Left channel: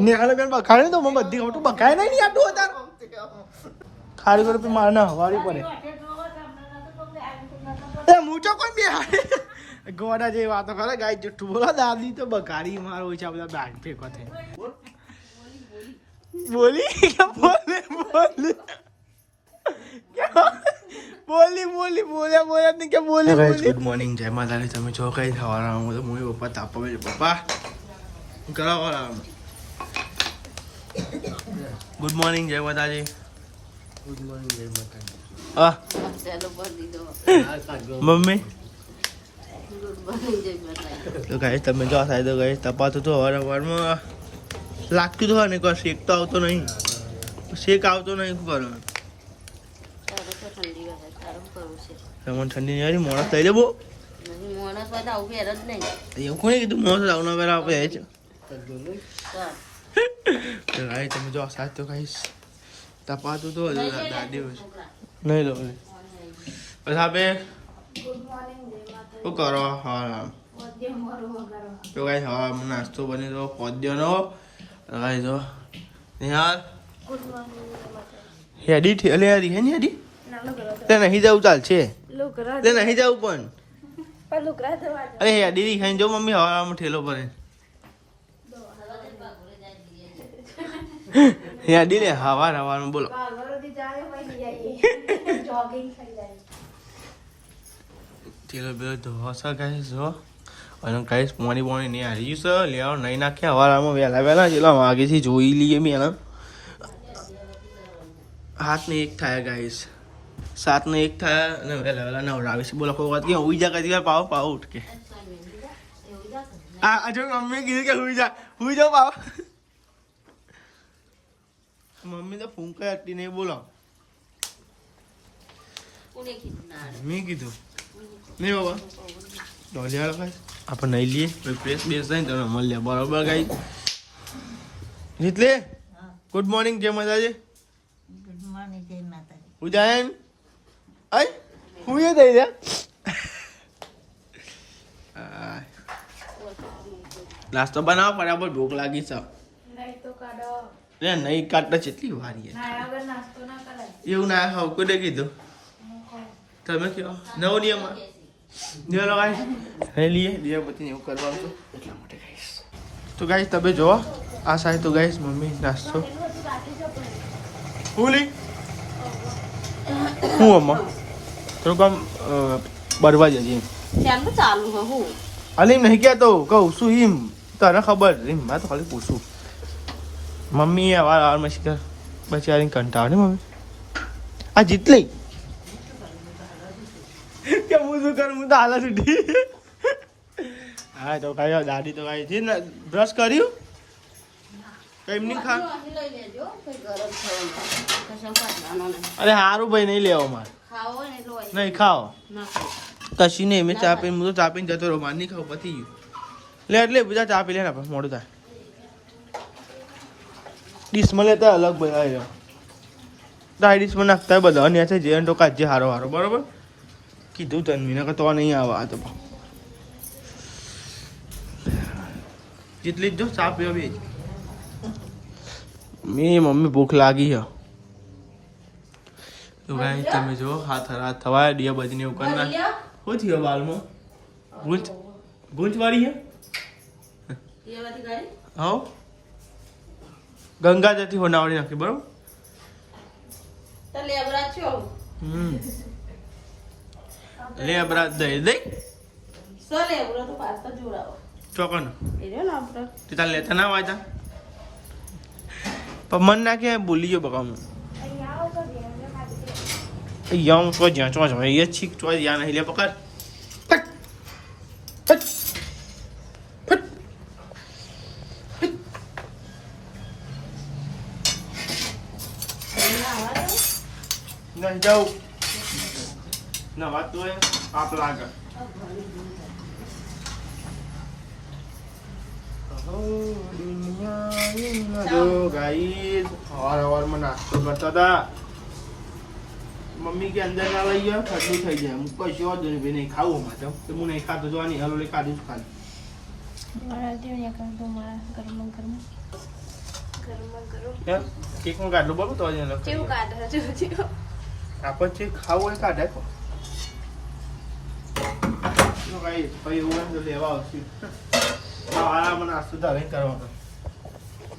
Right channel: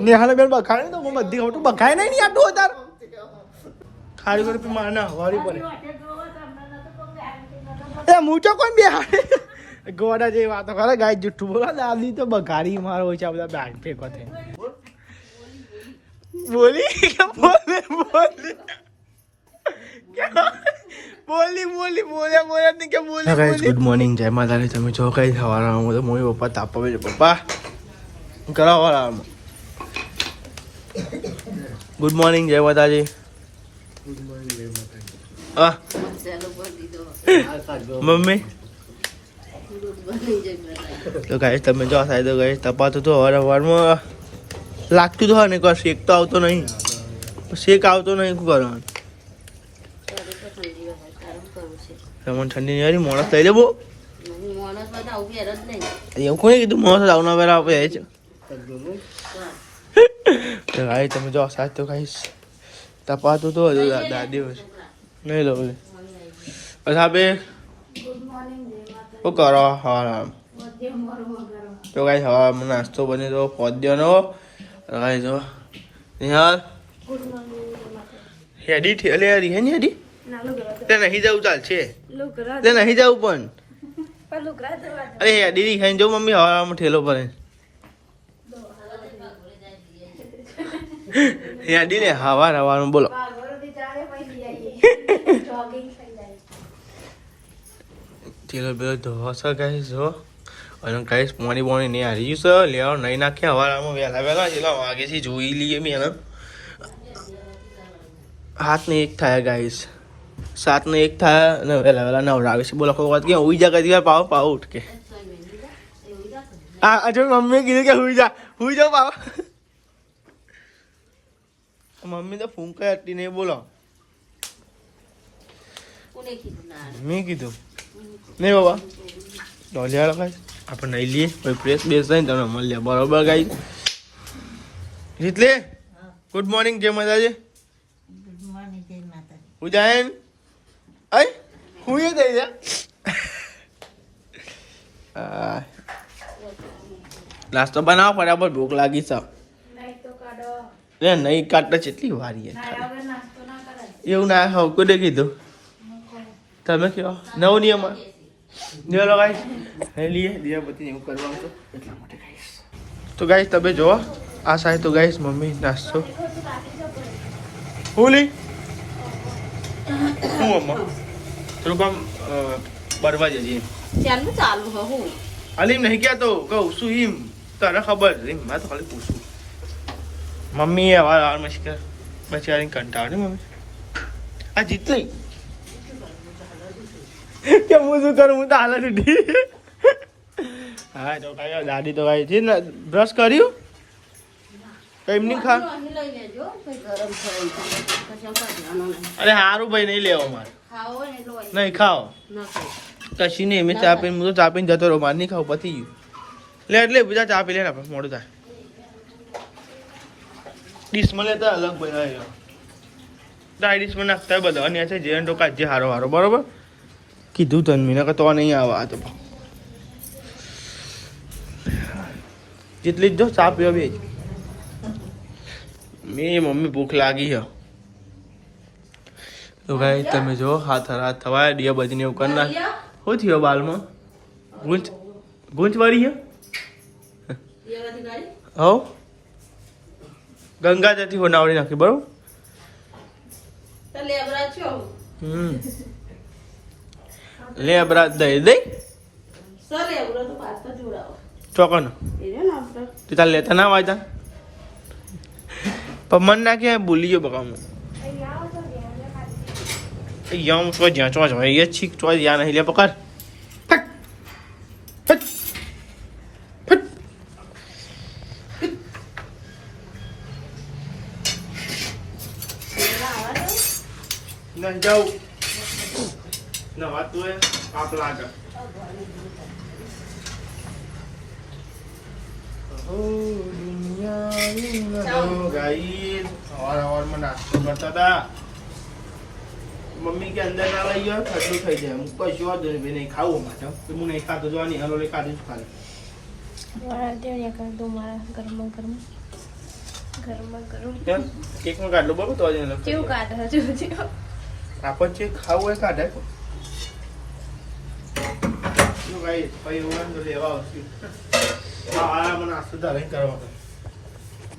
નેહાને બેન બખાડે તો મને બધી ખબર બખાય નહીં આટલું વધારે ખાલી કરો મારે ના હવારી પડે મૂચો કોઈ બે ગોડા જેવી વાતો કરે ગાય જુઠ્ઠું બોલો દાદી તો બગાડી મારો હોય છે આ બધા બેટ ફેંકો છે બોલી કે બોલી ગુડ મોર્નિંગ જય માતાજી તમે જો કઈ થવાના હું તો મોઈ પપ્પા તાપા છે પપ્પા કરાવવાના ગુડ મોર્નિંગ જય માતાજી ગુડ મોર્નિંગ જય માતાજી હા મમ્મી તો ગાય તમે જો સાહેબ તો ગાય તપાતું તો હવારમાં લાગતું તો હોય ને કોઈ શેક તો આવતો નહીં શેક આવતો નહીં શું કરવાનું તમને ઠંડી નહીં આવી મોણસ લઈ લેવો એવું કોને કીધું મોણસ આવના વેરા આપે છે તો ગાય તમે જો સાહેબ તો ગાઈશ તપાતું તો દાદી હોય નહીં લો પછી આપે શું કરો હા તો ગાઈશ હવા નાસ્તો બને તો પોદ્યનો ગાઈશ જો યાર હેડી ઠેલે યારી હે ને હેડી તે નહીં જવું ચાલશે તે નહીં જવું પણ અરે હેડી ખાઈને જો મમ્મી હવામાં ઠેલો પડે હેડી ને હવાર હવાનું બોલો ઠેલો બેલો ધોવા છે ગાઈશ જો અને ગાઈશ પોણી બોણી નહીં હારી છે લેવા નહીં નાખે હવારમાં વહેલા જેટલા વાગેથી જોઈ લઈએ મેં એના 8 ને 1 થાય ગાઈશ 7 ને 1 થાય અને વહેલા નવડાવે છે બોલો કોઈ વાત કે હુઈ જા કદી વાર પાવ ઉઠ કે આ જો મમ્મી કીધું કે હુઈ જાઓ પાવ મમ્મી તો ફૂંક હતી નહીં બોલો મેં કીધું નહીં બાબા ડોલિયા લખાય આપણે નહીં લઈએ પછી પ્રેસ બેસ થાય ને તમે મળીએ બરોબર ગાઈ જીતલે ગુડ મોર્નિંગ જય માતાજી ઉજાયન આય હું એ દઈ દે નાસ્તો બનાવો ફટાફટ ભૂખ લાગી છે નહીં કાઢતા કેટલી વારી એવું ના હવે કોઈ કીધું તમે કહો નવો નિયમ નિયમ લગાવી લઈએ દિયા પછી એવું કરવાનું તો એટલા માટે ગાઈશ તો ગાઈશ તમે જોવો આ સાહેબ તો ગાઈશ મમ્મી નાસ્તો હું અમ્મા થોડું કામ બરવા જજે ચાલુ હું અલીમ નહીં કહેતો કહું શું હિમ તને ખબર રીમ મેં તો ખાલી પૂછું મમ્મી વાર મસ્કર બચારી કંટાળ ને મમ્મી આ જીત લઈ કે હું શું કરું હું તો હાલ છૂટી હા તો કઈ દાદી તો કઈ છે ને બ્રશ કર્યું કઈ નહીં ખા અરે સારું ભાઈ નહીં લેવો મારે નહીં ખાઓ કશી નહીં મેં ચા પીને હું તો ચા પીને જતો રહો મારે નહીં ખાવ પતી ગયું લે એટલે બધા ચા પી લે ને મોડું થાય ડીશમાં લેતા અલગ બધા ડાય ડીશમાં નાખતા બધા અને છે જે તો કાજે હારો બરોબર કીધું તને મીના કે તો નહીં આવા તો જેટલી જ જો ચા પીવા બે મેં મમ્મી ભૂખ લાગી છે તો ગાઈ તમે જો હાથ થવાય દિયા બજીને એવું કરી નાખ શું થયો બાલમાં ગૂંચ વાળી છે હો ગંગા જતી હોનાવડી નાખી બરોબર લે અબરા દઈ ચોકન તું તાર લેતા ના વાંચતા પણ મન નાખે ભૂલી ગયો બકા હું યમ સો જ્યાં ચો એ છીક ચો યા નહીં લે પકડ નહીં જાઉં ના વાત તું એ આપ લાગે સવારમાં નાસ્તો કરતા હતા મમ્મી કે અંદર ના લઈ ગયો ઠંડુ થઈ જાય હું કશું જ નહીં ખાવું માટે હું નહીં ખાતો જોવાની હલો ખાધું જ ખાલી મારા દેવને કર દો મારા ગરમ ગરમ કેમ કેક માં કાઢલો બોલો તો આજે ચેવું કાઢો ચેવું આપણ છે ખાવું હોય કાઢાય ભાઈ ભાઈ એવું તો લેવા આવશે આ મને આસ્તુ તારે કરવાનો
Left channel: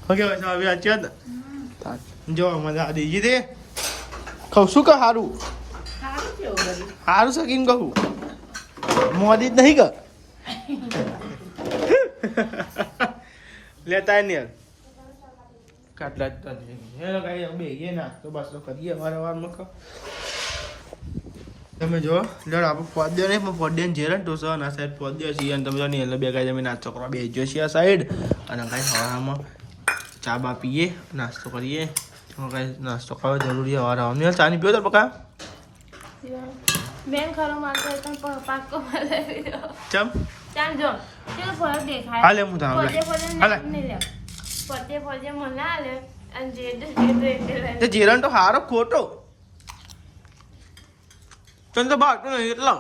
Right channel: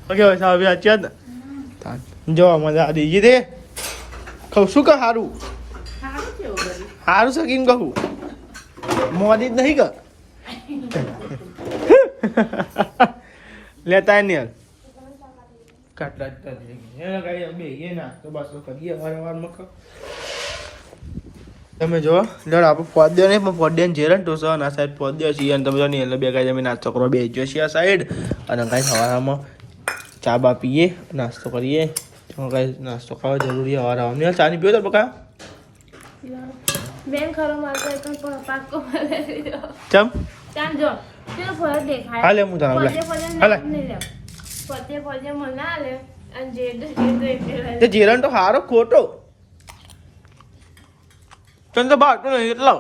ઓકે ભાઈ સાહેબ આચ્યા ને જો મજા આ દીજી દે કહું શું કે હારું હારું સકીન કહું મોદી જ નહીં કે લેતા નહીં કાટલા એને કઈ બે એ ના તો બસ તો કરીએ વારંવારમાં તમે જો લડ આપણે પોદ્યો નહીં પણ પોદ્યાને જેરણ ટોસો અને આ સાઈડ પોદ્યો છીએ અને તમે જો નહીં એટલે બે કાંઈ જમીન નાસ્તો કરો બે જો છીએ આ સાઈડ અને કાંઈ સવારમાં ચા બા પીએ નાસ્તો કરીએ કાંઈ નાસ્તો ખાવો જરૂરી સવારમાં નહીં ચા નહીં પીવો તો બકા મેં ખરો મારતો પણ પાકો મળે ચમ ચાલ જો કેવો ફરક દેખાય હાલે હું તને હાલે પોતે પોતે મને આલે અને જે તે જીરણ તો હારો ખોટો તને તો બાટો નહીં એટલો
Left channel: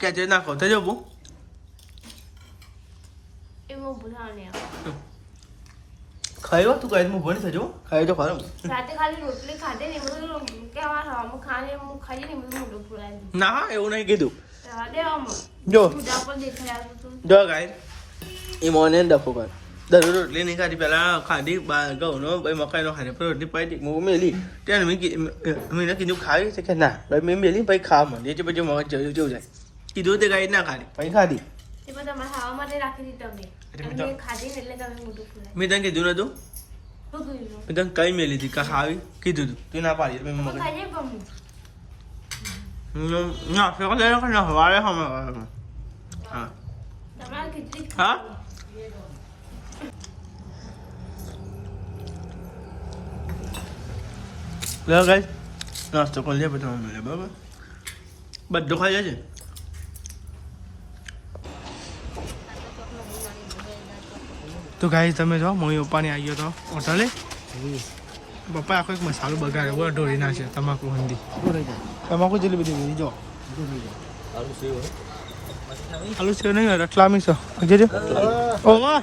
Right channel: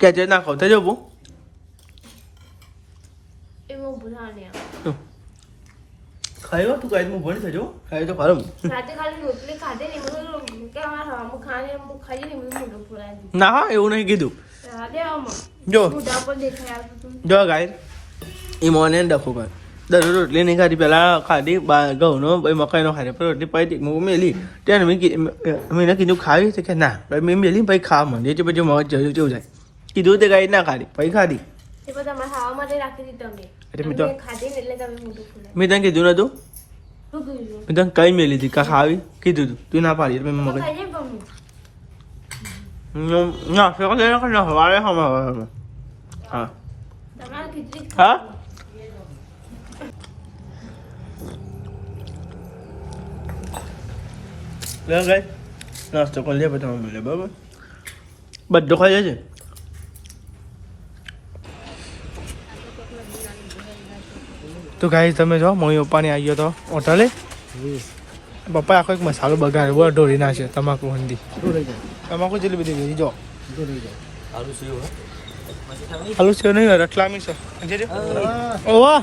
કે જે નાખો તે જો બુ એમાં ભૂલાને ખાયો તું કાઈ હું ભણી થજો ખાઈ તો ખરો રાતે ખાલી રોટલી ખાધે ને બધું કે અમાર હમ ખાને હું ખાઈ ને બધું મોઢું ફૂલાય ના હા એવું નહીં કીધું રાતે આમાં જો મોઢા પર દેખાય તું જો ગાય એ મોને ડફો કર દરરોજ રોટલી નહીં ખાધી પેલા ખાધી ઘઉંનો મકાઈનો ખાધી પણ રોટલી પાઈ હું મેલી ત્યાં મેં કીધું ખાવી છે કે ના મેં મેલી પછી ખાવા માંગે છે પછી મગજ જરૂર કેવું જાય કીધું તે ગાય ના ખાધી પછી ખાધી તે બધા તમારે ખાવા માટે રાખી દીધી તમે ખાધી ને એટલે તમે મોઢું ફૂલાય મેં તને કીધું નતું શું કીધું મેં તને કઈ મેલી હતી ખાવી કીધું તું ના પાડી મેં મગજ ખાઈ જાય પણ ના ફેકો લઈ નાખો ને હવારે હા તમારે ખીચડી હા લે ગાય નાસ્તો કરી લે પછી મળે બરાબર બધો ખાઈ જાય છે તો ગાય તમે જો મમ્મી પપ્પાને આવી ગયો તો હોટલે પપ્પા આખો એક મસાલો બગાડ્યો બોલો ઢોરી નાખ્યો તમાકુ હંધી તમાકુ જેટલી બધી વેરી જો આલુ સેવ નહીં રટલામી છો જોજો ઓ વાહ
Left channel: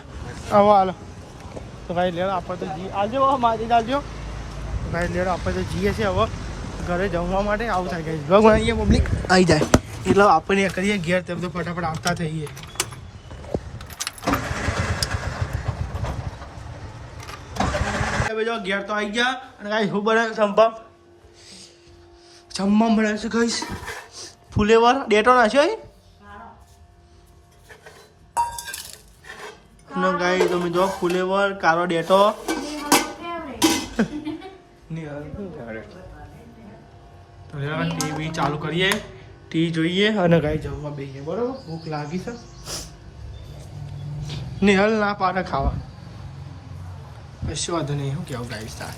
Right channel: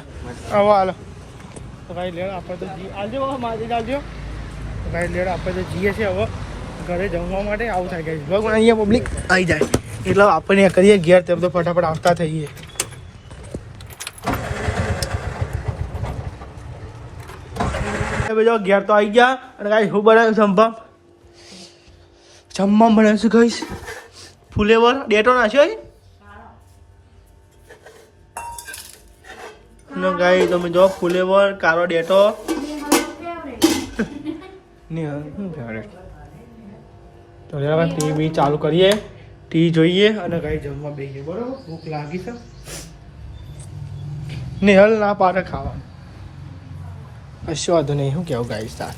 આવો હાલો તો ભાઈ લેડો આપણે તો જી આવજો મારી આવજો તો ભાઈ લેડો આપણે તો જઈએ છીએ હવે ઘરે જમવા માટે આવું થાય ગાઈસ બ્લોગ અહીંયા પબ્લિક આવી જાય એટલે આપણે કરીએ ઘેર તેમ તો ફટાફટ આવતા થઈએ જો ઘેર તો આવી ગયા અને ગાઈસ હું બનાવ્યું સંભવ જમવા બનાવીશું ગાઈસ ફુલેવર ડેટો નાખ્યો નો ગાઈ તમે જો ફુલેવર કારો ડેટો તો ટીવી ચાલુ કરીએ ટીવી જોઈએ અને ગાઈ જમવા બેસીએ બરોબર ભૂખ લાગી છે નિહલ ના પાડે ખાવાનું કશું વાંધો નહીં શું કેવું ગાઈશ તાર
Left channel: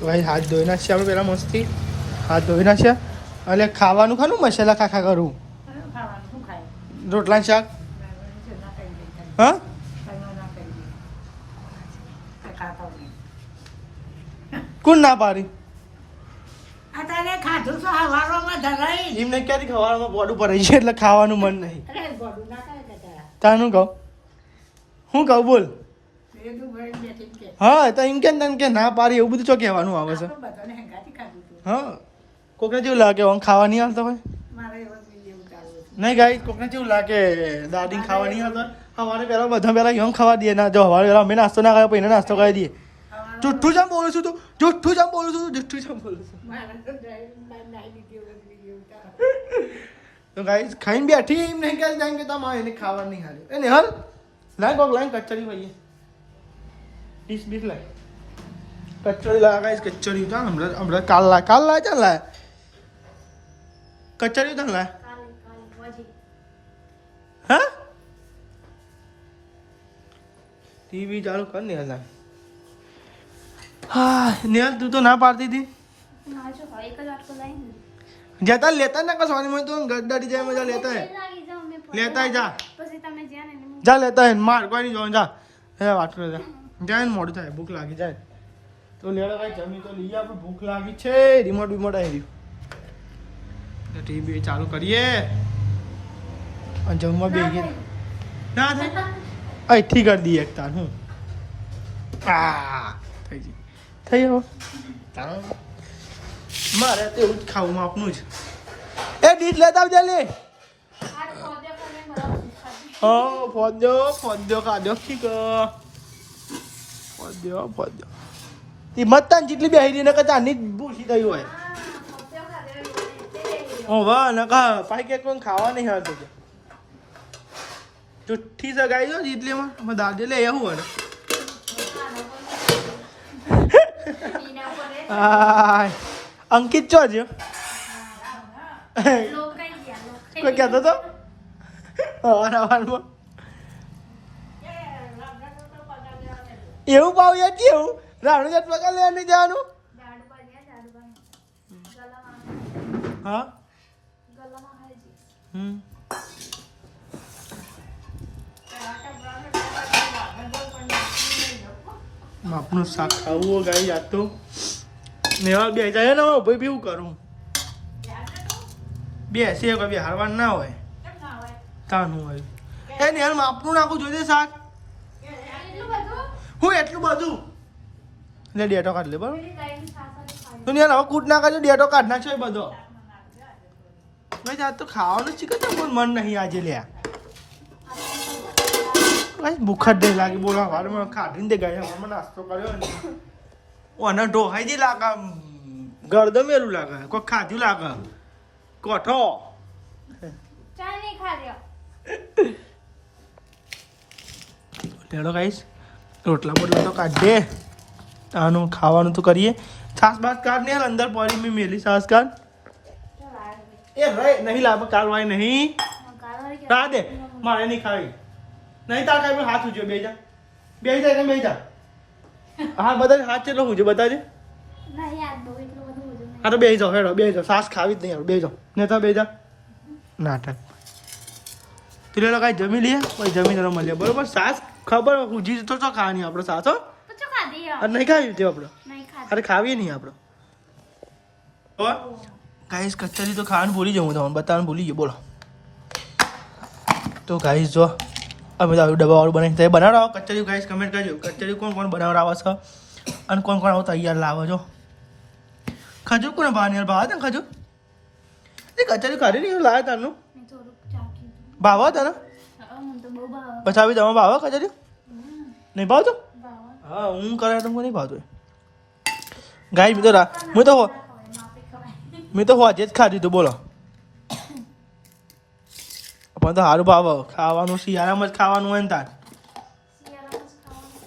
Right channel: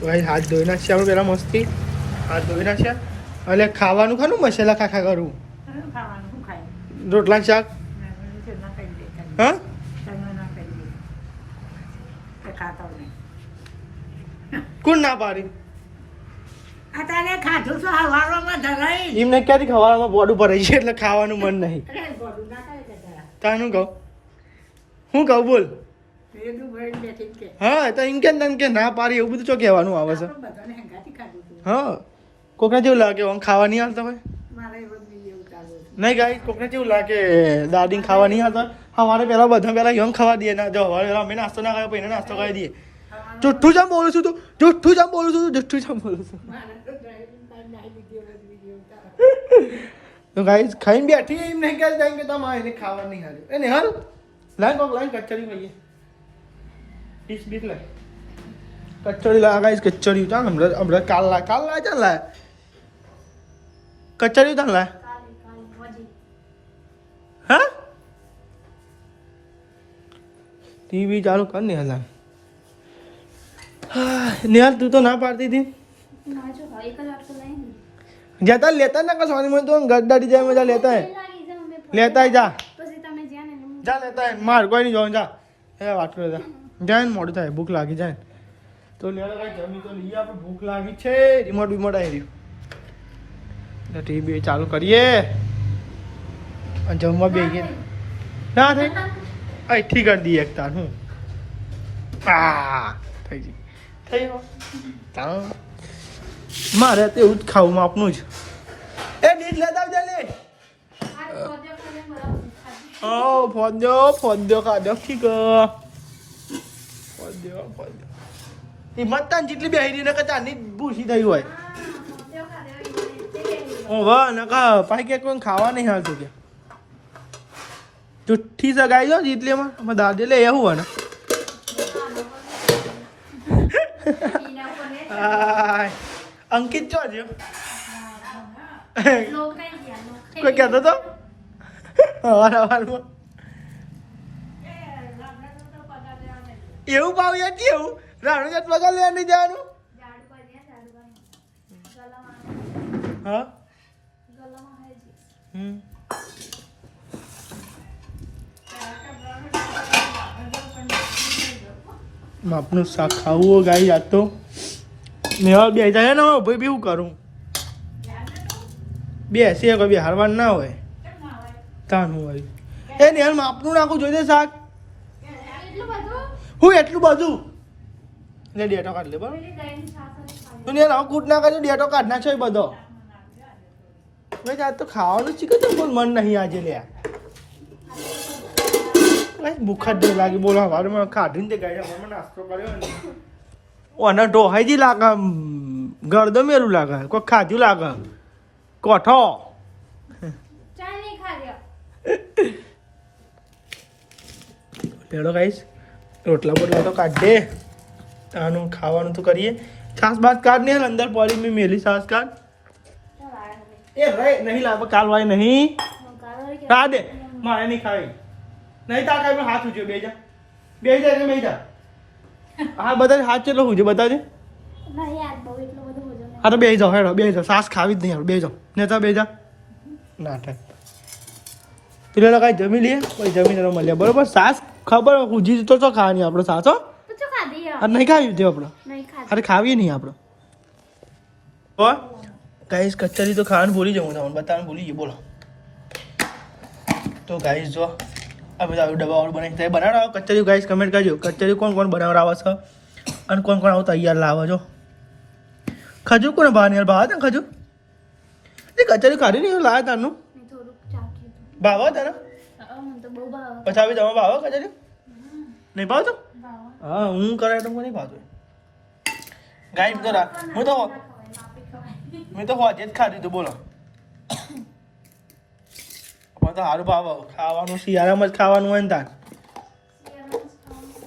ગાઈ હાથ ધોઈ નાખશે આપણે પેલા મસ્તી હાથ ધોઈ નાખશે એટલે ખાવાનું ખાનું મસાલા ખાખા કરું રોટલા શાક હા કોણ ના પાડી એમને ક્યાંથી ખવાડામાં બોડું ભરાઈ છે એટલે ખાવાનું મન નહીં તાનું કહું હું કહું બોલ હા તો એમ કે ના પાડી એવું બધું તો કહેવાનું આવે છે હા કોકને જેવું લાગે આમ ખાવા નહીં આવતા હોય નહીં ગાઈ કોકને જેવું લાગે દાદી ખાવા નહીં આવતા અમારે પેલા બધા પેલા એમ ખાવા દઈએ ના જો અમારે પેલા અમે નાસ્તો ના ખાય પછી નાસ્તો કરી દઈએ જુઠ્ઠું જામ બોલું છું તું જુઠ્ઠું જામ બોલું છું જુઠ્ઠું જામ બોલું છું તો ગાઈસ ખાઈને બેઠી એમ નહીં કે ટાઈમ કે તમારે એને ખાવા નહીં હાલે એને હાલ લાઈન કોક લાઈન કચરી ભાઈએ ડીશ બીસ લાય કચરી લા ગાઈસ કચરી ઉતા હમણાં કાલ લા ચાલ લા કચરી ઉતા લા હા ટીવી ચાલુ કર ને હાલ હા નિહાલ તું તો ના પાડતી હતી જતા લેતા ના કશો મને તો ગદ્દાડી જાય મજા લેતા લેતા જા જા લેતા માર કોઈ નહીં જોવાનું જા હે વાત કરે જા જાય ને મોડું થાય ભૂખ લાગી જાય તો તો લેડો કઈ જમી તો લઈએ, આપણે ભૂખ લાગી છે. રિમોટ આવી રહ્યું એટલે ટીવી ચાલુ કરીએ અને જમવા બેગી ના થાય અહીંથી કરી દઈએ એક તાર હું થઈ ગઈ થઈ ગયો. મારે તો એવું જ ખાવું આપનું જ. એ ડીશ લેતા આવજે લે. ફોદ્યો ખાધો ઠીક ફોદ્યો એ મતદાન જેટલી બે હેરી નકર તાની ભૂસી થઈ હોય. ઓ વાહ નકા પાઈ કે કોઈ ખાવા નહીં હાલતું કે જુઠ્ઠી સગાઈ જો જીતલીમાં અમાર દાદે લે એવું હોય ને અંકિત ચો છે કોઈ કહેતો તો અવારમાં એવું પાવ યાર કેવું રાણું જાત પગાર લેવા નહીં જવાનું. હા માપનું શાક ખાવું ગાઈ જાત તો મેવા બે જાય ને ભાઈ બી હું કરું બેસે કોઈ બી હારવાનું ના હોય તાનું હોય એ ને માપનું નાખું જોઈ દે શાક હું એટલું બધું લે ડેટો કાઢ લે બરાબર તું યાર હવે કૂટ ના કરજો ડેટો કાઢ નાખશો એ બધો ભાઈ આજ તો ખાવાનું જ છે પણ મન નહીં આજે લે ભૂખ જ નહીં લાગી બોલો હવારે મને ખાધીને તે ગયા હવારે નાસ્તો કર્યો ને ઓને ઢોહાઈ લાગે ગળદો મેલું લાગે કોઈ ખાધું લાગે કોઠો લેડો ગાઈસ રોટલા બોટલા તો કાઢ દે આનું ખાવાનું તો કરીએ. છાસ બાસ કાઢ નહીં અંદર પડી મેં મેલી છાસ કાઢ એ રે નહીં લાગે કાલ વાય નહીં ના દે મારે નહીં ખાવી નહીં તાર કાંઈ હાથ ઉજ્યો બે જા બે જા હા બધા હાથ કેટલો ઉજ્યો બતાજે હા તો બે જાઓ હેડો બે જાઓ સાસ ખાવી જ નહીં બે જાઓ ને તો બે જા નાટક પેલો કાંઈ જમી લઈએ પછી જમીને મળ્યા બરોબર. સાસ ખબર ઉજી તો શું ખાવાની આપણે સાસ હો નહીં ખાવી હતી આપણે અરે ખાવી નહીં આપણે ગાઈસ કચરી તો ખાવાનું ભૂલી જાઉં તમને બતાવવાનું ભૂલી ગયું બોલો. તો ગાઈસ જો અમે તો આવું ડબ્બાવાળું બનાવી તમે બનાવો કચરી ગાઈસ કમેન્ટ કરજો કચરી કોણ કોણ બનાવવા આવે છે અને કોણ કોણ આવું તૈયાર લાવે છો. ખજૂર કોને ભાવ યાર ભાવ હતા ખજૂર એ કચરી ખાધી નહીં લાવ્યા તારનું ભાવ હતા ને પછી આવી તમે ભાવ કચરી નહીં ભાવતો હા હું કરે તો નહીં ભાવતો ગાય મેં તો હોજે જ ખાધું તો બોલો પણ તો સારું ભાવ ખાવાનું શિયાળામાં જ ખાવાનું હોય ને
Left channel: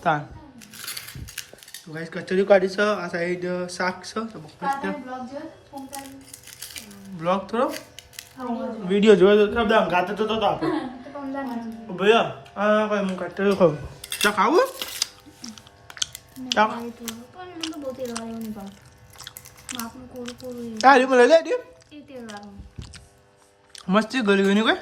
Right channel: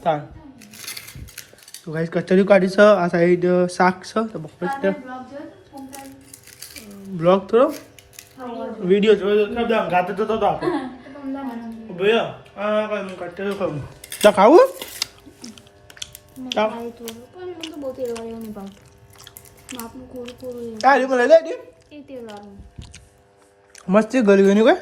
તાન તો ગાઈસ કચરી કાઢી છે આ સાઈડ શાક છે તો બપોર બ્લોગ થોડો વિડીયો જોયો ખબર ગાતો તો આપણે ભૈયા હા કઈ હું કચરી ખાવું ચા ખાવું મસ્તી ગળ્યું એની કોઈ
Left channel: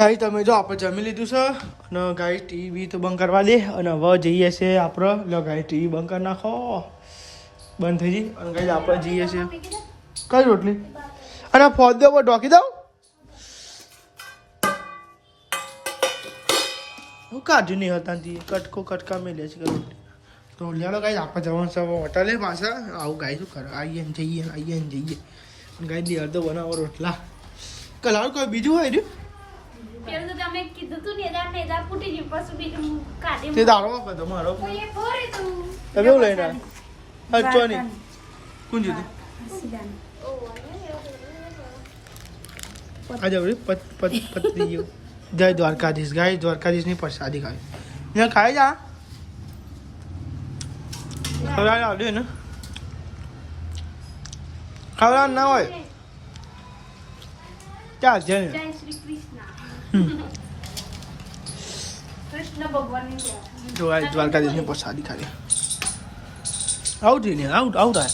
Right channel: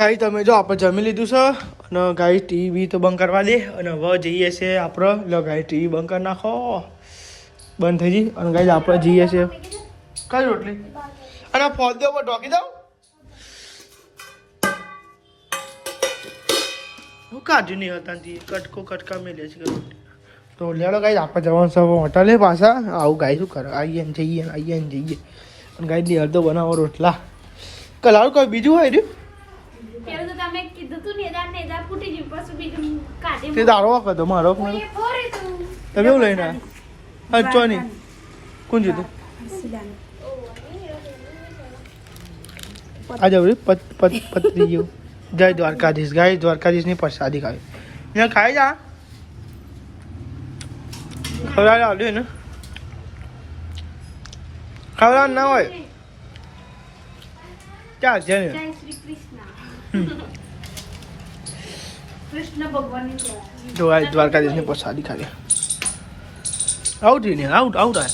ગાઈ તમે જો આપણે જમી લીધું છે અને ગાઈ ટીવી તો બંધ કરવા દે અને હવે જઈએ છીએ આપણે લો ગાઈ ટીવી બંધ કરી નાખો બંધ થઈ જઈ અને ગાઈ આપણે જઈએ છીએ કઈ રોટલી અને ફોદ્યો પર ઢોકી દઉં હું કાઢ્યું નહીં હતા કટકા મેલે છે રોટલી તો લેડો ગાઈ આપણે જવાનું છે હોટલે પાછા આવું ગાઈ શું કરે આવીએ ને જઈએ અને ગાઈ દી અડધો બનાવો રોટલા કલારું કોઈ બીજું હોય રહ્યું તે દાડો હતો મારો કેવું લઈને અચ્છો નહીં કોણ જીતું આ જવરી પત્રી ગયું જય દ્વારકાધીશ ગાય દ્વારકાધીશની પ્રસાદી ખાવી અહીંયા ખાઈ જા ખવડાવી આવડ્યું ને ખવડાવ ના હોય ચાલ છે ને જો આ દ્વારકાધીશની પ્રસાદી ખાવી આઉટ ને આઉટ આ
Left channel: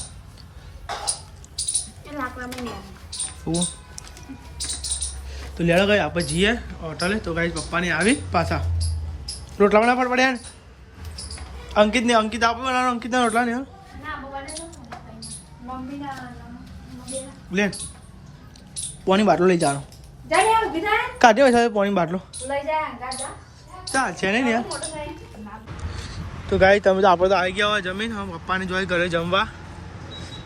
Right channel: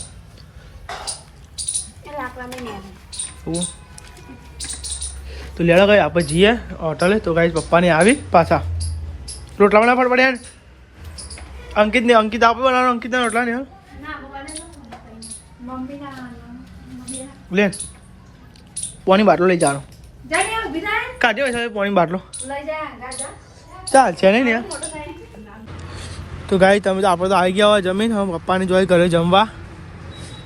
તો લેડો ગઈ આપણે જઈએ હોટલે તો ગાઈ પપ્પાને આવી પાછા રોટલા બનાવવા પડ્યા ને અંકિત આપે બનાવવાનો અંકિતના રોટલા ને લે પાણી બાટલો લઈ જવાનો કાઢ્યો હોય પાણી બાટલો ચાલ છે નહીં ને તો ગાઈ તમે તો આપણે તો આવી ગયા હોય જમીન હવે પપ્પાને જોઈ ઘરે જમવા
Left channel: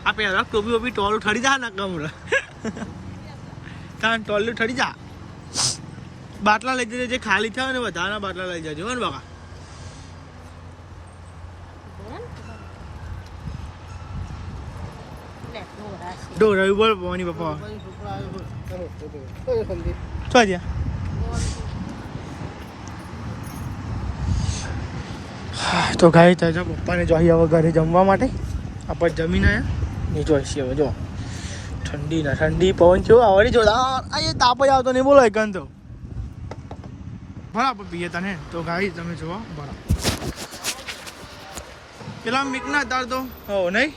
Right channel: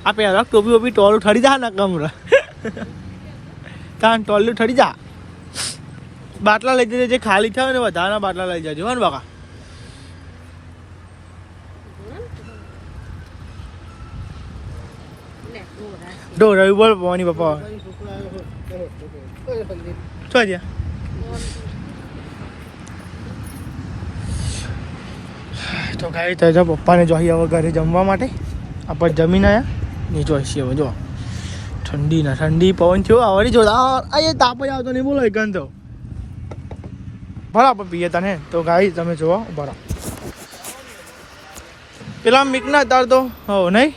આ પહેલાં ટોપી ટોલું ઠરી જા ને કમરા કાન ટોલું ઠરી જા બાટલા લઈ જજે જે ખાલી થયો ને વધારાના બાટલા લઈ જજો ને બકા રવિ બોલ પવાની પપ્પા તો જ્યાં તો ગાઈ તાજા પપ્પાને જોઈએ હવે ઘરે જમવા માટે આપણે જમીન આવ્યા ને જોઈશે હવે જો ઠંડી પવન છે હવે જોડા આ તાપ જ આવતો નહીં બોલો એકન તો બરાબર પીએ તને તો ગાઈ તમે જોવો બરાબર પેલા મીકના તાર તો હો નહીં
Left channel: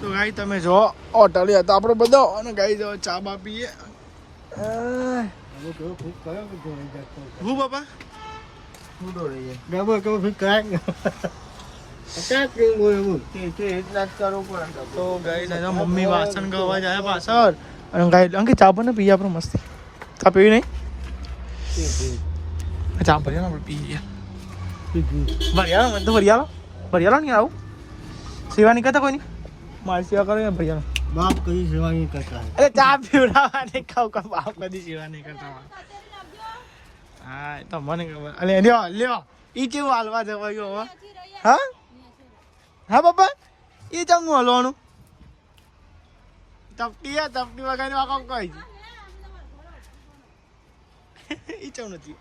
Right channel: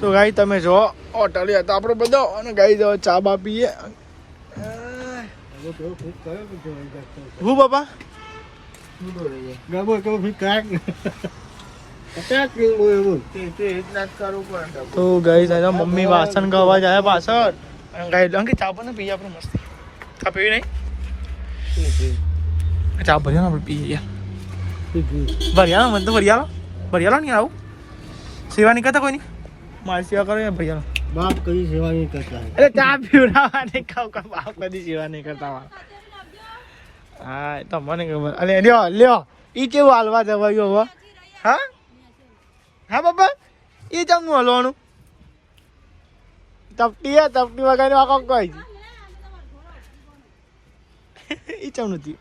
તો ગાઈ તમે જો હોટલ હતા આપણો બધો અને ગાઈ જો ચા બા પીએ હું બાપા તો ગાઈ દાદા મમ્મી વાસણ ગાવા જાય પાછળ અને ગાઈ અંકે ચા પણ પીએ આપણે મસ્ત ચા પીવી નહીં ચા ભરી આપણે પીએ ભરિયાળો મને તો ભરિયાળો નહીં આવું સેવા નહીં કરતા કોઈ નહીં મારી સેવા કરે ભરિયાળો બાપ કદી સેવા નહીં કરતા એટલે ચા પીવડાવવા નહીં ખાવ કે બાપ કદી સેવા નહીં કરતા હા તો મને ખબર અરે લ્યો એ કેવું હાલવા જવાયું હવે હા હા બાપા એ ચમનું હલવાનું તપટી વગાડી આખો કોઈ એ ચમનું હતી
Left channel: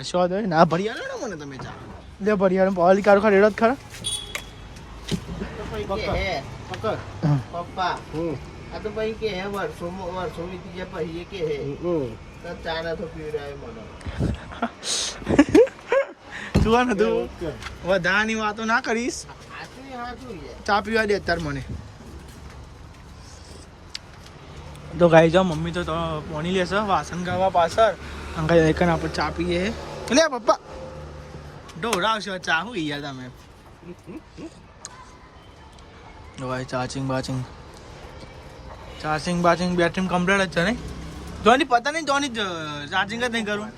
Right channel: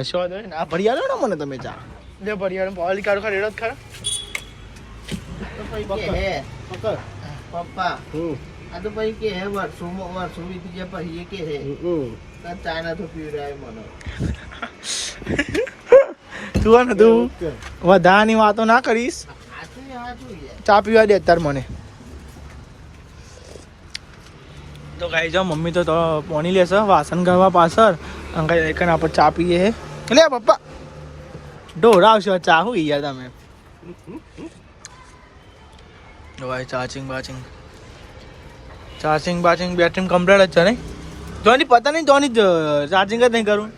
અશ્વાદ હોય ના ભરિયાળો ને મને તમે ચા લે ભરિયાળો પાવલી કાઢો ખરા રેડો ખરા પપ્પા આ તો ભાઈ કે હે વર્ષો વીતી ગયા પછી કે હે ચાના તો પીવડાય મને તું ને તું વધારાની વાતો ના કરીશ ચા પીવા દે અત્યારે મને તો ગાઈ જાઓ મમ્મી તો પોણી લેશે વાસણ કરવા પાછળ અંગાઈ એકન આપણે ચા પીએ હે લે પપ્પા ઢોરાવશો ચા હું યાર તમે ભાઈ ચાર્જિંગ બેટરી કમ્પ્લીટ જ છે નહીં જોની પતા નહીં જોની ચાર્જિંગ જ નહીં કરું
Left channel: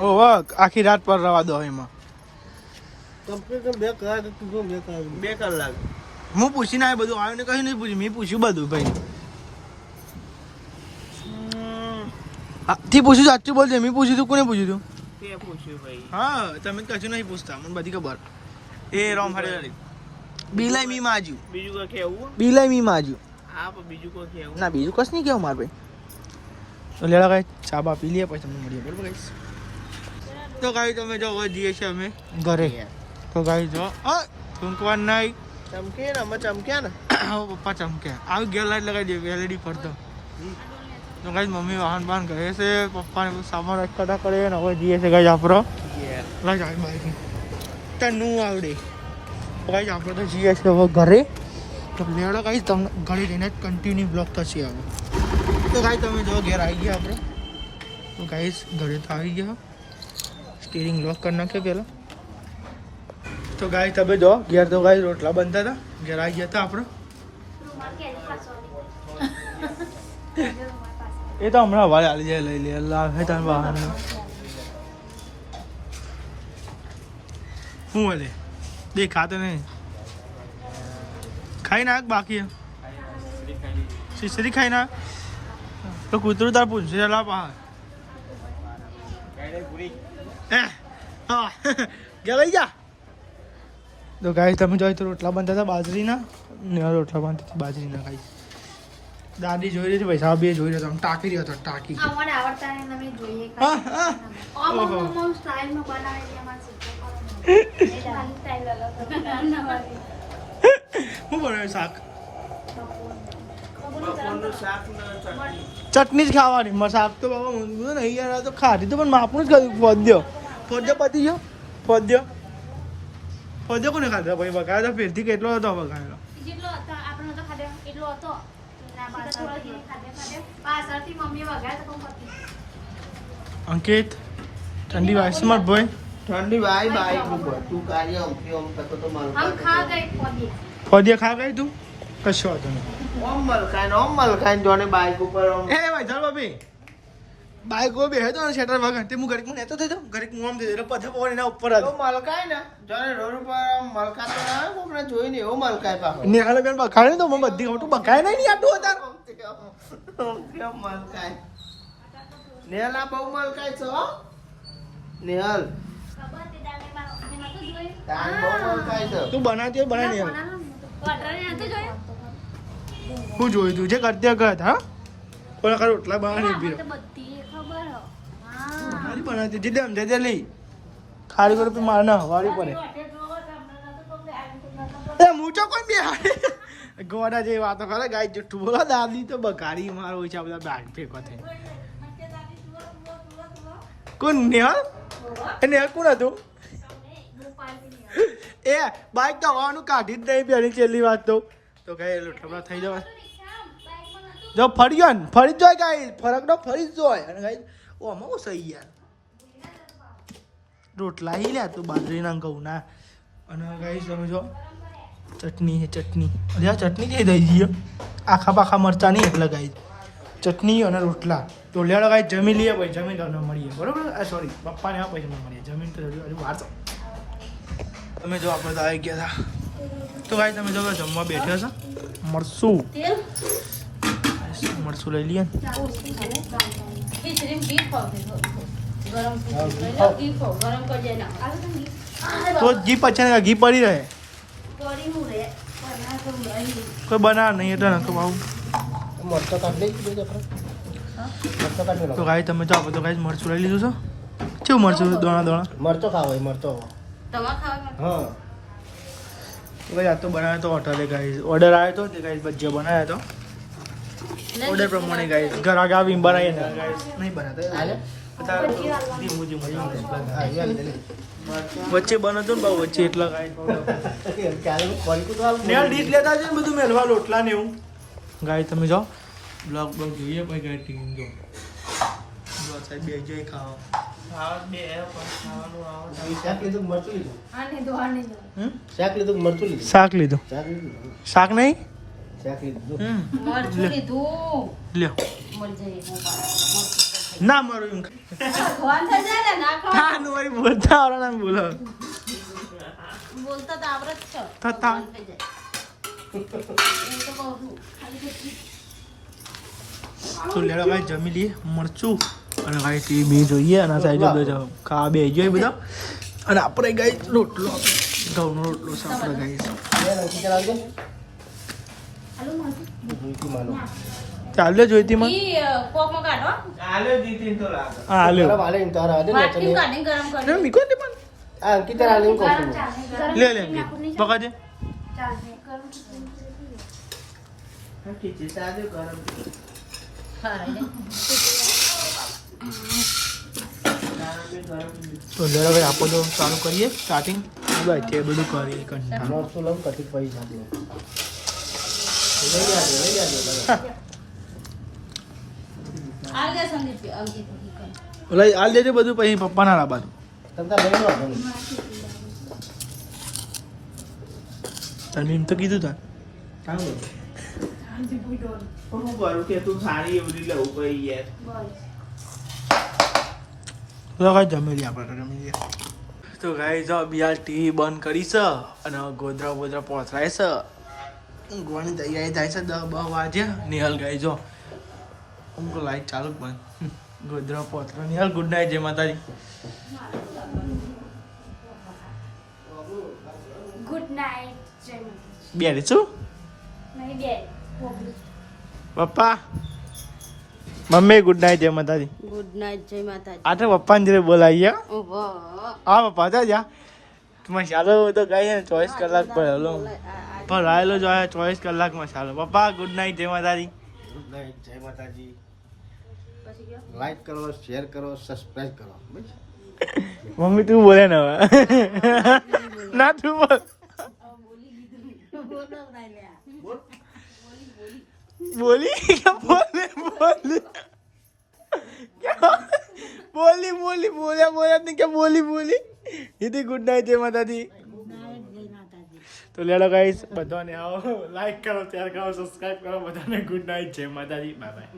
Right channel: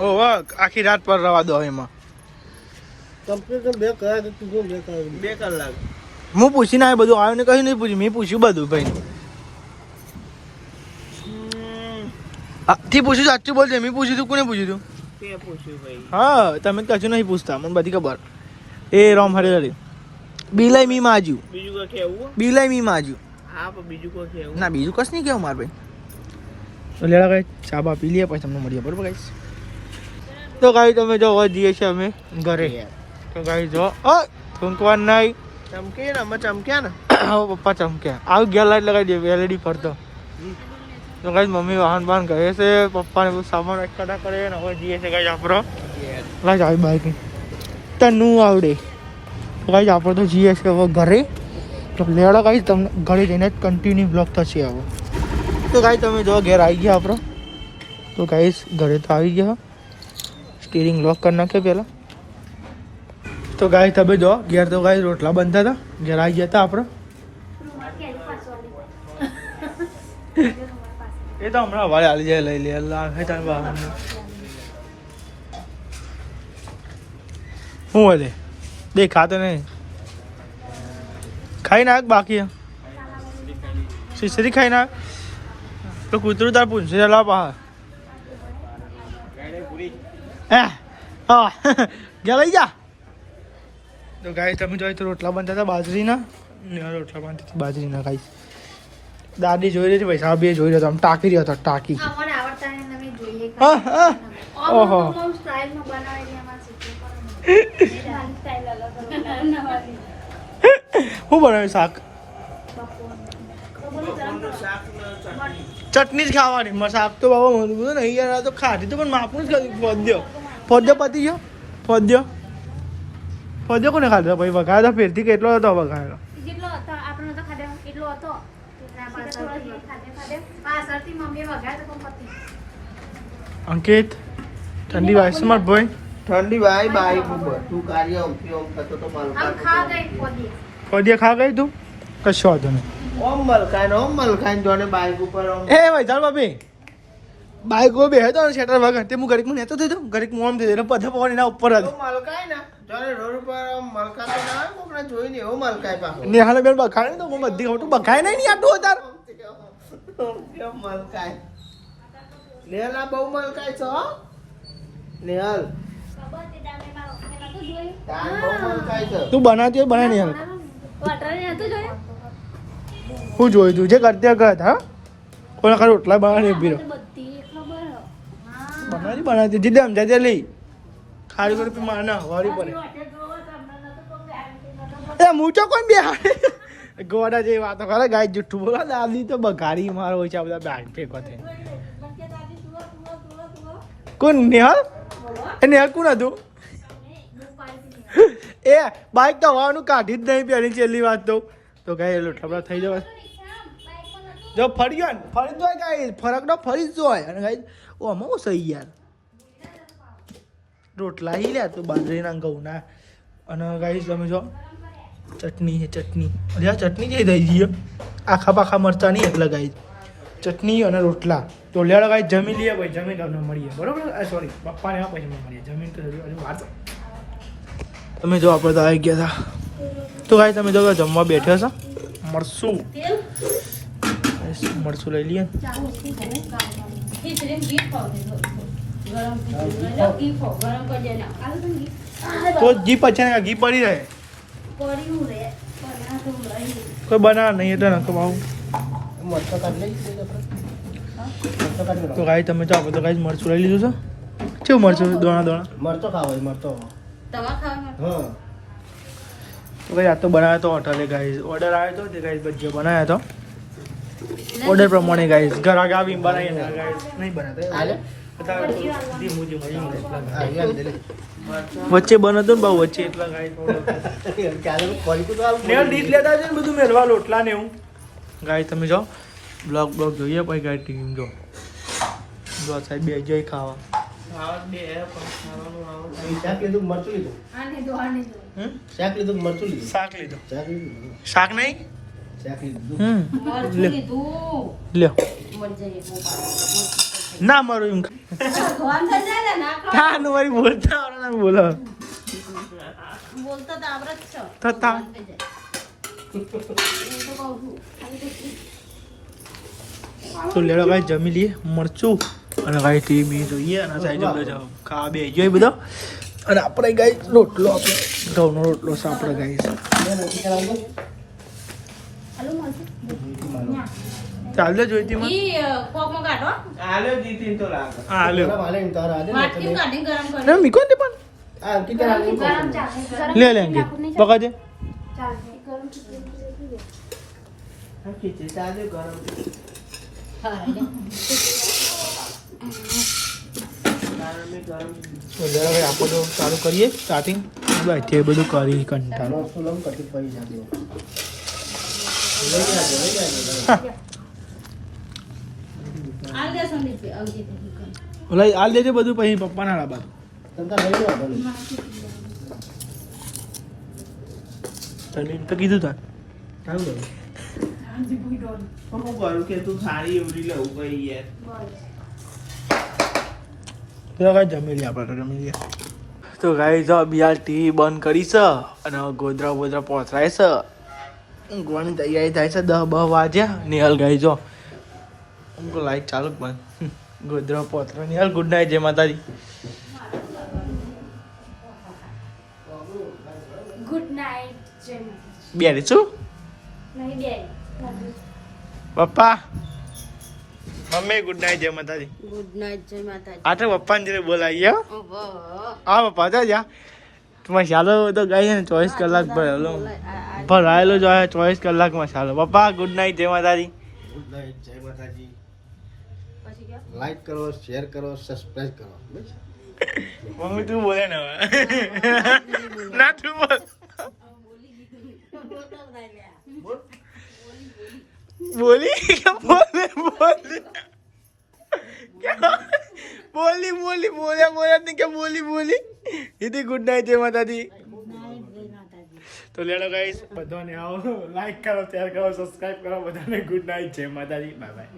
ઓહ આખી રાત પર રવા દો એમાં બે કલાક હું પૂછીને આવ્યો બધું આવ્યું ને કશું નહીં પૂછ્યું મેં પૂછ્યું બધું ભાઈ થી પૂછ્યું સાચું બોલજે મેં પૂછ્યું તું કોને પૂછ્યું તું હા તમે કશું નહીં પૂછતા મને બધી ખબર એ રોમ હરે બિલાઈ મી માજ્યું બીજું કોઈ કેવું બિલાઈ મી માજ્યું હા પણ બીજું કોઈ કેવું ના બીજું કશ નહીં કેવું મારે તો લેલા ગાઈ ચા બા પી લઈએ પછી તમને મળીએ બરોબર ગાઈ તો ગાઈ તમે જો જઈએ છીએ અમે ઘરે તો ગાઈ જો થૂંકવા નહીં ચમક્યા ને પપ્પા ચમક્યા આવી ગયા લાઈટ લગાવી દે એલઈડી ફરતો તો ગાઈ મમ્મી વાહન ગયે છે પપ્પાને બધું સામાન એકઠા કરે ને હવે જઈએ છે ગાઈ આપણો ગાઈ આવી બાઈક તનું આવડે ગાઈ આપણે તો જઈએ છે હવે ઘરે તો લેડા ગાઈ તમને ઘરે જઈને જ કન્ટિન્યુ બ્લોગ થશે હવે તો ગાઈ તમે જો ઘેર આવી ગયા આપણો તો ગાઈ ઘરે તો આવી ગયા સ્ટીરિંગ લોક કરી નાખ્યો પહેલાં તો ગાય તમે જો ઘેર તો ગાય રોટલા બનતા હતા ઘેર આવી ગયા હતા આપણે એ તો હમણાં વાળે હાલી જાય લઈ લે લાવે તાર વાહન શું હલે દેખાતો નહીં ખાઈ નાખ બાકી શીશરી ખાઈ નાખ તો કૂતરું તાર પૂછે લા પા ગયા લઈ જા તો ગાય તમે જોઈ તો રોટલા બનતા હતા બાજરીના રોટલા બનતી હતી બાજરીના ગાય દાદી જોઈ રહી હતી ભાઈ સાહેબ જોઈ રહ્યો હતો આમ ટાંકી રહ્યો હતો ટાંકી ઓહો શું બનાવ્યું શાક ચટણી જ ખાવાની શાક તો બાબા બધું નહીં યાર તો ખાધી તો પણ માપનું જ ખાધું ફોદ્યો પતી ગયો ફોદ્યો કોને ખાધો ભાઈ વઘાર ફેરથી કેટલો હતો વઘારેલો હતો. 5 વર્ષથી મમ્મીએ વઘાર તો પતી. અંકિત ઠંડી વાય છે માર ભાઈ ઠંડી ભાઈ બાઈક ઉપર તું કાર્ય ઉઠી ઓમ થતો તો મારું हम खा गए पौधे ફોડિયા ખા ગઈ તું કશો વાંધો નહીં ઓમ મલકાઈ જોને બાઈક ઉપર ઓમ એ ભાઈ ચાલ બાપી બાઈક ઉપર બેહે તો શેટર વગર તે હું ઘડીક લેતો થઈ જાઉં ઘડીક હું આમ થઈ જાય પછી પવન એના ઉપર તો મલકાઈ ને જોને રોડ ઉપર આમ મલકાતો ના હોય કોકને જોઈ ને એવો મલકાઈ પાછો નેહાને બેન બખાડે ને તો મને બધી ખબર બખાય નહીં યાર તું તાર કેમ મલકાઈ નેહલા બહુ મલકાઈ છો હો? નેહલ તારે બહુ મલકાઈ છે તું બનાવતી હોય બના નહીં वाटर ने तो जो હું જોયું તું જે કરતી કરત હા કોઈ ના રોટલા બનાવી ઉભી રહો बत्ती खबर हो બનાવતી જીદે સમજાય લઈ ખારી કરો તો મારે ના હવારી પડે એટલે મૂચો કોણ બે ગોડા જેવી વાતો કરે ગાય જુઠ્ઠું બોલો દાદી તો બગાડી મારો હોય છે આ બધા બેગ ફેંકો છે કોણ નેહા એ નેહા કોણ હતું એ બાઈક તો હવાનું કાઢી જ નહીં પેલી છેલ્લી વાત તો ગાય લોટલા થઈ જવાય જો ફરી ગયો ને ફરી જ જાય ગાય ફરક તો ફરી જ જાય અને ગાય ઓ આમાં સહી યાર રોટલા હી લે તો બાજરીના ઘઉંના અને ગાય તમે જો ચટણી છે ચટણી અરે આ ચટણી કઈ થઈ ગઈ આખા પાખા મરચા નહીં એટલે ગાય ચટણી અને રોટલા તો લેડો ગાય જમી લઈએ ભાઈ જમીન ન મળીએ બરોબર સોરી પપ્પાને એવા પૈસા મળીએ જમીન તો હજુ વાત તમે જો આપણે તો આવી ગયા હતા તો ગાય તમે જો જમવા બેઠ્યા છો મરસું મરસું લઈ લઈએ તો ઘી પછી ઘી પડી રહે કોઈ બનાવ નહીં એટલે નકો બાબુ તો ગાય તમે જો આપણે તો ગાય મરચું લઈ લીધું છે કેવું મરચું દોણા મરચો ખાવો હોય મરચો तवा खावा હા તો ગાય આ તો બનાવ્યો તો હોટલે ગાય ઓર્ડર આવ્યો તો તે ગાય ભજીયા બનાવ્યા તો ઓર્ડર પ્રમાણે ગાય ઘર આગળ આવીને બનાવી ના ગાય નહીં બનાવતા એવું અત્યારે ધીમું ધીમું ચાલે એટલા ગાય વચ્ચે બનતો ને બહુ વચ્ચે એટલા ગાય નેલ ડીશ લેતા છે ને બધું મેલવા લોટલા ને એવું ગાય તમે જાઓ બ્લોગ જોઈએ પછી ગાય ટીમ જો સાહેબ બે જઈ ખાવા ખાવા બે ખાવાનું આવે શાક લીધું મરચું લીધું आने दो आने दो શાક લીધું મરચું લીધું શાક લીધું શાક લીધું શાક નહીં શાક લીધું લ્યો લ્યો मर जाइए ના મારું એમ भगवान कर जाएगा ना હા નું મારી બોલતા આવડે ના બોલો बोलता था आवरत छ થતા તો લેડો ગાય જમી લઈએ મરચું અને ગાય ટીવી જોઈએ અને સાઈડ બધો ખાવા બે જોઈએ બધો અને આપણે ગાય રોટલો ઘઉંનો રોટલો છે આપણે ગાય ચાલે જોઈતી માં ई कोक में काटो આલે દીધી તો લાગે હા લ્યો વાલે ઇન તારા આદે वाट क्यों काटने गरम कर ના મીકો ને પણ આ કિતરા આલે ઇન गरम કોક चाहे લે લે અંગે પકા દે चाहे गरम ખીચે સાદે ગરમ તો લેડો ભાઈ આપણે તો ચાલુ કરીએ સ્ટાર્ટિંગ તે બધું કરી કંટાળો મરચું લઉં તકલીફ પડી જાતે आगे संदीप के अंकित ઓલા હાલ દેજો બધું પછી પપ્પાના લાબાદ તંતા લઈ લો તને એમ તો કીધું તાર કામ લો હું કરું કે તું સારી એવડી લેવું પડી યાર તો કાંઈ જમી લઈએ આપણે તો જમી લઈએ તો ગાઈ જો બિહાર ટીવી બંધ કરી છે અને ગોદરા બોદરા પહોંચરાય છે ઊંઘવાની તૈયારી થાય છે 10 વાગ્યા નિહાલ ગાઈ જો હું તો લાઈટ ચાલુ જ બંધ ગોદરા પહોંચરા નિહાલ ગુડ નાઇટ જય માતાજી गुड नाइट जय બેરી શું नहीं दे પપ્પા મમ્મી ગુડ નાઇટ જય માતાજી गुड नाइट जय माता આ તો પપ્પાને જોડે બોલાવીએ वाह હા પપ્પા તો જા મસાલો તો ગાઈ 24 કલાક ભરેલો ભરાયેલો જ હોય 24 કલાક મસાલો પપ્પા ગુડ નાઇટ જય માતાજી ગુડ નાઇટ જય માતાજી લાઈક કરો શેર કરો સબસ્ક્રાઇબ કરો બસ મમ્મી તું બોલે ને હવે ના તું બોલ બોલી બોલે બોલી બોલી બોલી બોલ્યા બોલ્યા ને કે બોલી બોલી દીદી ગુડ નાઇટ જય માતાજી. તો લેલો ગાઈસ બધાને આવો લાઈક કરો શેર કરો સબસ્ક્રાઇબ કરો બધાને ગુડ નાઇટ જય માતાજી બાય બાય.